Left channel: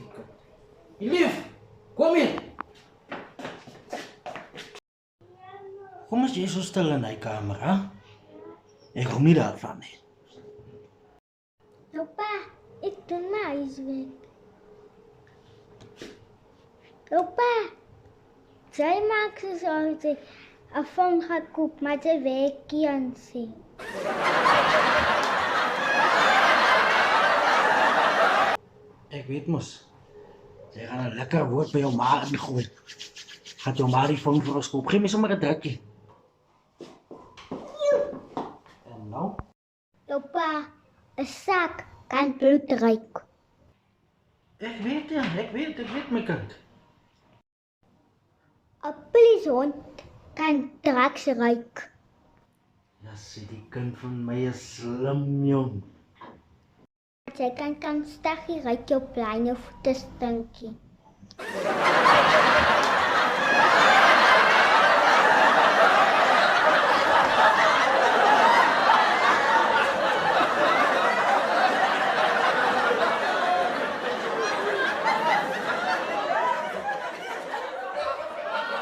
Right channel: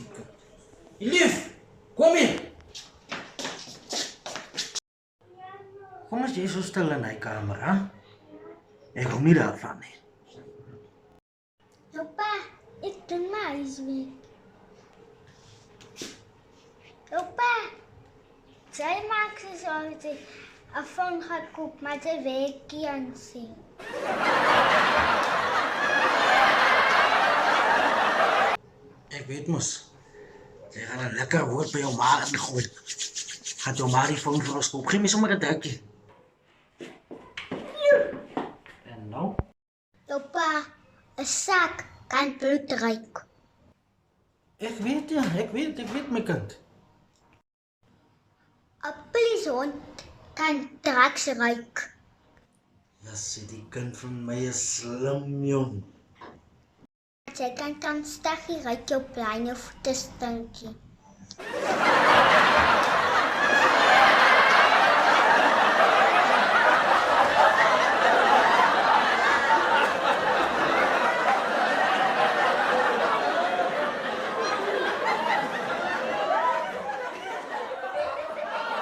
stiekem. Lief, kom hier. Kom as jy so stil in die kamer, hè? Ek hou nie daarvan nie. Opa, ik doe maar huiswerk. Opa, zij maakt ze zo dat ik een phone gaat kopen, maar ze werkt niet aan zien. Ek weet mos. Jy gaan 'n lekker woord by jou ma ingooi. Gaan jou ma die phone vir ons koop. Gee my sommer 'n drukkie. En nou? Opa, een zak kan bloed ruiken. Ek weet ja, ek weet my kind. Een polishond kan drugs ruiken. Ja, sê die kind van my is slim, jong. Zij kan stakkie ruiken op kleine voeten stinkie.